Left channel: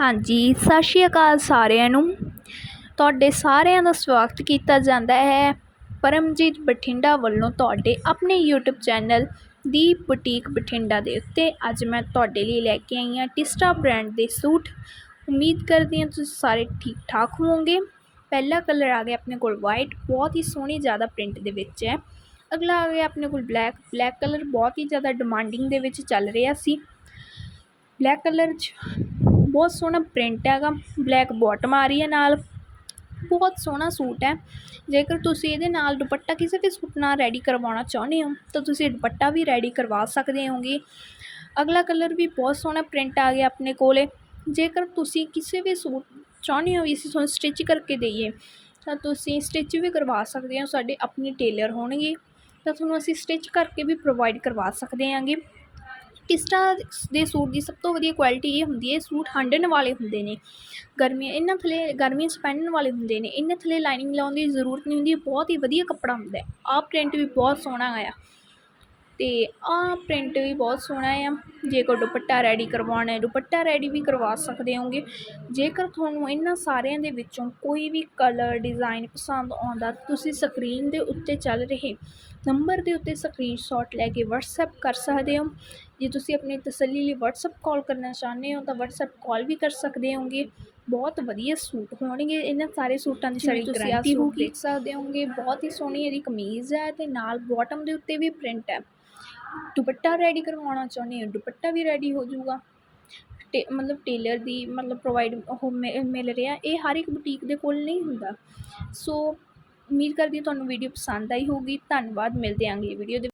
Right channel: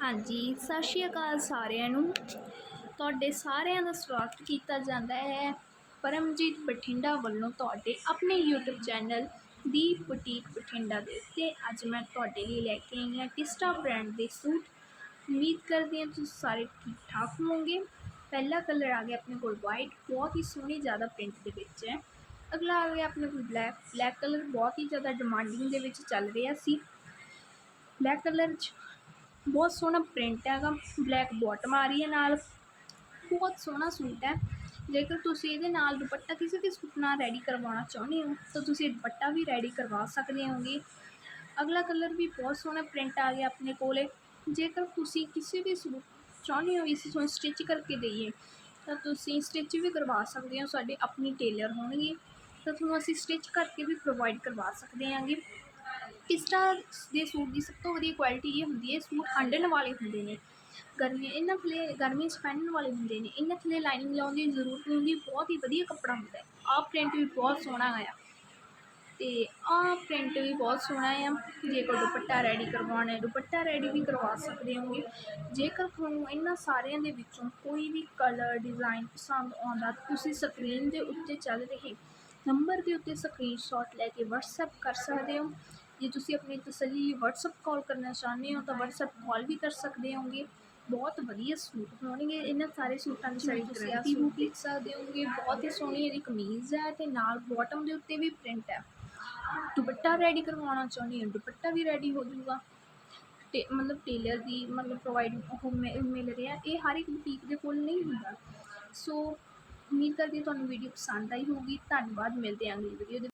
ਹਾਂਜੀ, ਸਤਿ ਸ਼੍ਰੀ ਅਕਾਲ ਸਾਰਿਆਂ ਨੂੰ। ਤੁਹਾਡੇ ਸਾਰਿਆਂ ਦਾ ਸਵਾਗਤ ਕੀਤਾ ਜਾਂਦਾ ਹੈ। ਪਰਮਜੀਤ ਬਠਿੰਡਾ ਵੱਲੋਂ ਤੁਹਾਡੇ ਆਪਣੇ YouTube ਚੈਨਲ ਦੀ ਬੁਟੀਕ ਬਠਿੰਡਾ ਦੇ ਉੱਤੇ ਅੱਜ ਮੈਂ ਤੁਹਾਡੇ ਲਈ ਲੈ ਕੇ ਆਈ ਹਾਂ ਟਿਸਟਾ ਬ੍ਰਾਂਡ ਦੇ ਸੂਟ। ਉਮੀਦ ਕਰਦੀ ਹਾਂ ਤੁਸੀਂ ਸਾਰੇ ਠੀਕ ਠਾਕ ਹੋਵੋਗੇ। ਪਹਿਲਾ ਕਲਰ ਆ ਗਿਆ ਆਪਣੇ ਕੋਲ ਵਾਈਟ ਬਹੁਤ ਹੀ ਸੋਹਣੀ ਜ਼ਿਆਦਾ ਪ੍ਰਿੰਟ ਦੇ ਵਿੱਚ ਹੈ। ਅਗਲਾ ਆ ਗਿਆ ਆਪਣੇ ਕੋਲ ਬਲੈਕ ਬਲੈਕ ਕਲਰ ਬਹੁਤ ਹੀ ਜ਼ਿਆਦਾ ਡਿਮਾਂਡਿੰਗ ਦੇ ਵਿੱਚ ਚੱਲ ਰਿਹਾ ਸੀ। ਬਲੈਕ ਕਲਰ 'ਚ ਬਹੁਤ ਸੋਹਣਾ ਪ੍ਰਿੰਟ ਹੈਗਾ ਬਲੈਕ ਬਾਟਮ ਆ ਰਹੀ ਹੈ ਨਾਲ। ਬਹੁਤ ਸੋਹਣਾ ਸੂਟ ਹੈ। ਜੇਕਰ ਤੁਸੀਂ ਇਹਦੇ ਨਾਲ ਦੁਪੱਟਾ ਕਿਸੇ ਵੀ ਸੂਟ ਨਾਲ ਰੈਡੀ ਕਰਵਾਉਣਾ ਚਾਹੁੰਦੇ ਹੋ, ਤਾਂ ਤੁਸੀਂ ਦੁਪੱਟਾ ਵੀ ਰੈਡੀ ਕਰਵਾ ਸਕਦੇ ਹੋਗੇ। ਅਗਲਾ ਕਲਰ ਵੀ ਬਹੁਤ ਸੋਹਣਾ ਪ੍ਰਿੰਟ ਆ ਗਿਆ ਆਪਣੇ ਕੋਲੇ। ਜੇਕਰ ਤੁਸੀਂ ਕਿਸੇ ਵੀ ਸੂਟ ਚਾਹੁੰਦੇ ਹੋ ਅਸੀਂ ਤੁਹਾਨੂੰ ਸਟਿਚ ਕਰਕੇ ਦਈਏ, ਤਾਂ ਤੁਸੀਂ ਸਟਿਚ ਵੀ ਕਰਵਾ ਸਕਦੇ ਹੋ, ਸਾਡੇ ਆਪਣੇ ਟੇਲਰ ਹੋਣਗੇ। ਤਾਂ ਤੁਹਾਨੂੰ ਅਸੀਂ ਸਟਿਚ ਕਰਕੇ ਵੀ ਪ੍ਰੋਵਾਈਡ ਕਰਵਾ ਸਕਦੇ ਹਾਂਗੇ। ਟਿਸਟਾ ਦੇ ਸੂਟ ਦੀ ਸਭ ਤੋਂ ਵਧੀਆ ਕੁਆਲਿਟੀ ਇਹ ਹੁੰਦੀ ਹੈ, ਸੂਟ ਹੰਢਣ ਵਾਲੇ ਹੁੰਦੇ ਨੇ। ਗਰਮੀਆਂ, ਇਹਨਾਂ ਥੱਲੇ ਗਰਮੀਆਂ 'ਚ ਪਹਿਨਣ ਵਾਲੇ ਹੁੰਦੇ ਨੇ। ਇਹਨਾਂ ਥੱਲੇ ਲਾਈਨਿੰਗ ਲਾਉਣ ਦੀ ਜ਼ਰੂਰਤ ਨਹੀਂ ਹੁੰਦੀ ਬਹੁਤ ਹੀ ਵਧੀਆ ਕੱਪੜਾ ਹੁੰਦਾ ਹੈ। ਆਹ ਪ੍ਰਿੰਟ ਵੀ ਬਹੁਤ ਸੋਹਣਾ ਆਇਆ। ਤੇ ਆਹ ਪ੍ਰਿੰਟ ਵੀ ਬਹੁਤ ਸੋਹਣਾ ਆ ਜੇ ਕੋਈ ਦੁਪੱਟਾ ਰੈਡੀ ਕਰਵਾਉਣਾ ਹੈ, ਦੁਪੱਟਾ ਰੈਡੀ ਵੀ ਕਰਵਾ ਸਕਦੇ ਹੋਗੇ ਜੇਕਰ ਤੁਹਾਨੂੰ ਇਹਨਾਂ ਸਾਰਿਆਂ ਦੇ ਵਿੱਚੋਂ ਕੋਈ ਵੀ ਕਲਰ ਡਿਜ਼ਾਈਨ ਪਸੰਦ ਆਉਂਦਾ, ਤੁਸੀਂ ਸਕਰੀਨ ਦੇ ਉੱਤੇ ਚੱਲ ਰਹੇ ਨੰਬਰ ਦੇ ਉੱਤੇ ਸਕਰੀਨਸ਼ਾਟ ਲੈ ਕੇ WhatsApp ਕਰ ਸਕਦੇ ਹੋ। ਜੇ ਤੁਸੀਂ ਆਪਣੀ ਤਸੱਲੀ ਲਈ WhatsApp ਕਾਲ ਕਰਨਾ ਚਾਹੁੰਦੇ ਹੋ ਤਾਂ WhatsApp ਕਾਲ ਵੀ ਕਰ ਸਕਦੇ ਹੋਗੇ। ਬਹੁਤ ਵਧੀਆ ਸੂਟ ਹੋਣਗੇ। ਇਹਨਾਂ ਸਾਰੇ ਸੂਟਾਂ ਦੀ ਸਾਡੀ ਗਾਰੰਟੀ ਹੋਊਗੀ। ਦੇਖ ਸਕਦੇ ਹੋਗੇ। ਬਹੁਤ ਹੀ ਸੋਹਣੀ ਇਹਦੀ ਕਮੀਜ਼ ਹੈ ਤੇ ਨਾਲ ਬਾਟਮ ਦੇ ਉੱਤੇ ਵੀ ਪ੍ਰਿੰਟ ਹੈ। ਦੁਪੱਟਾ ਰੈਡੀ ਕਰਵਾਉਣਾ ਚਾਹੁੰਦੇ ਹੋ? ਦੁਪੱਟਾ ਵੀ ਰੈਡੀ ਹੋ ਜਾਊਗਾ। ਟੇ ਮਤਲਬ ਟੇਲਰ ਦੀ ਮਤਲਬ ਪ੍ਰੋਵਾਈਡ ਉਹ ਮਿਲ ਰਿਹਾ। ਇਹ ਹਰ ਇੱਕ ਬੁਟੀਕ ਦੇ ਕੋਲ ਨਹੀਂ ਹੁੰਦਾ। ਸੋ ਉਮੀਦ ਕਰਦੀ ਹਾਂ ਤੁਹਾਨੂੰ ਵੀਡੀਓ ਪਸੰਦ ਆਈ ਹੋਊਗੀ। ਧੰਨਵਾਦ। ਮਿਲਦੇ ਆਂ ਅਗਲੀ ਵੀਡੀਓ ਦੇ